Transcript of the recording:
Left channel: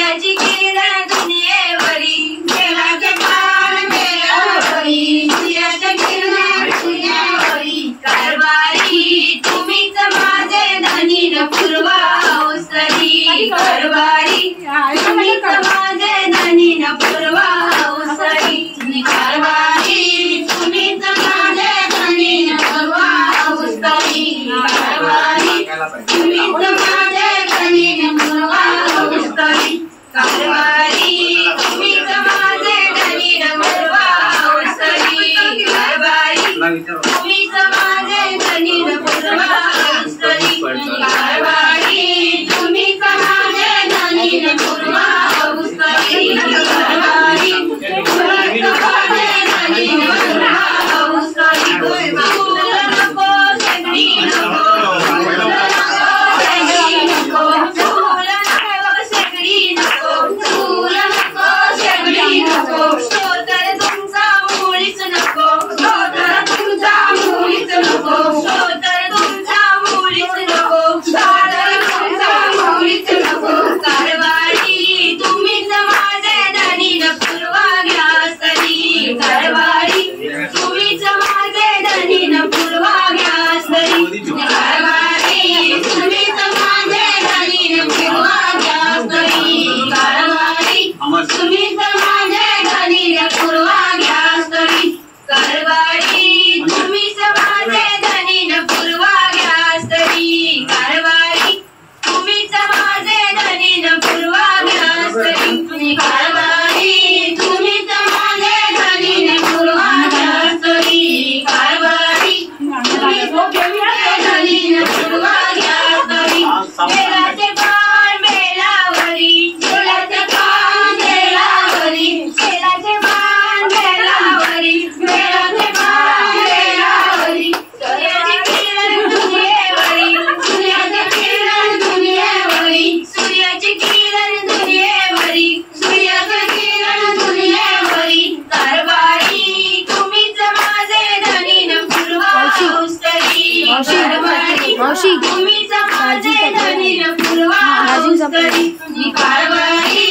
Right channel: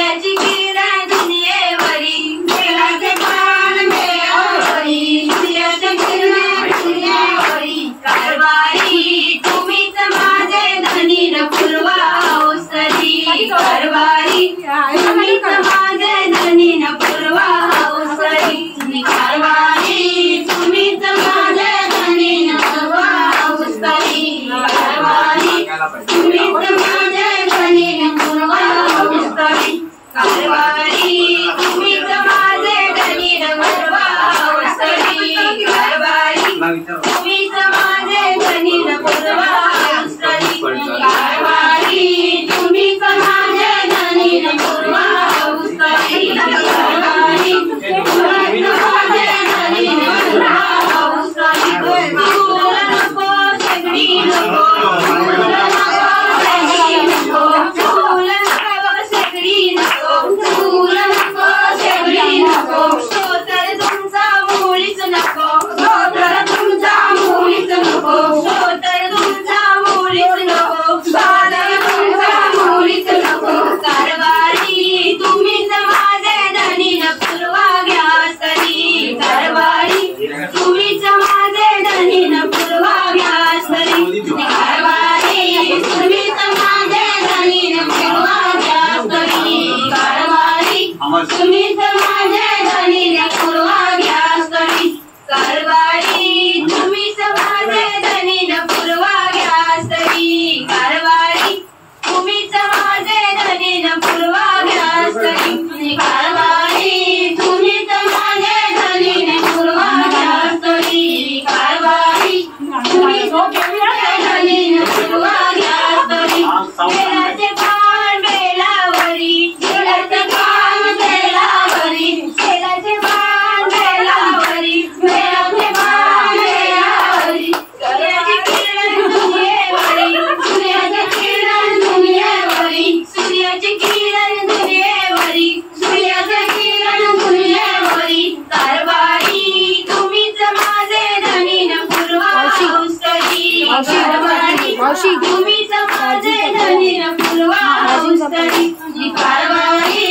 सूर्याची किरण दुनियेवरी मेलाचे पान मेलावरी सूर्याची किरण दुनियेवरी कारभारी तुम्हीच माझे धनी न पूर्वा अवसरी कारभारी तुम्हीच माझे धनी न पूर्वा अवसरी कारभारी तुम्हीच माझे धनी न पूर्वा अवसरी कारभारी तुम्हीच माझे धनी न पूर्वा अवसरी कारभारी तुम्हीच माझे धनी न पूर्वा अवसरी कारभारी तुम्हीच माझे धनी न पूर्वा अवसरी कारभारी तुम्हीच माझे धनी न पूर्वा अवसरी कारभारी तुम्हीच माझे धनी न पूर्वा अवसरी तुला नको सगळी नको तुला नको सगळी नको तुला नको सगळी नको तर तुमचा मुळीच नको तर तुमचा मुळीच नको तर तुमचा मुळीच नको तर तुमचा मुळीच नको कारभारी तुम्हीच माझे धनी न पूर्वा घ्यासरी कारभारी तुम्हीच माझे धनी न पूर्वा घ्यासरी कारभारी तुम्हीच माझे धनी न पूर्वा घ्यासरी कारभारी तुम्हीच माझे धनी न पूर्वा घ्यासरी कारभारी तुम्हीच माझे धनी न पूर्वा घ्यासरी कारभारी तुम्हीच माझे धनी न पूर्वा घ्यासरी कारभारी तुम्हीच माझे धनी न पूर्वा घ्यासरी कारभारी तुम्हीच माझे धनी न पूर्वा घ्यासरी बेलाचे पान बेलावरी बेलाचे पान बेलावरी बेलाचे पान बेलावरी बेलाचे पान बेलावरी सूर्याची किरण दुनियेवरी सूर्याची किरण दुनियेवरी सूर्याची किरण दुनियेवरी सूर्याची किरण दुनियेवरी कारभारी तुम्हीच माझे धनी न पूर्वा अवसरी कारभारी तुम्हीच माझे धनी न पूर्वा अवसरी कारभारी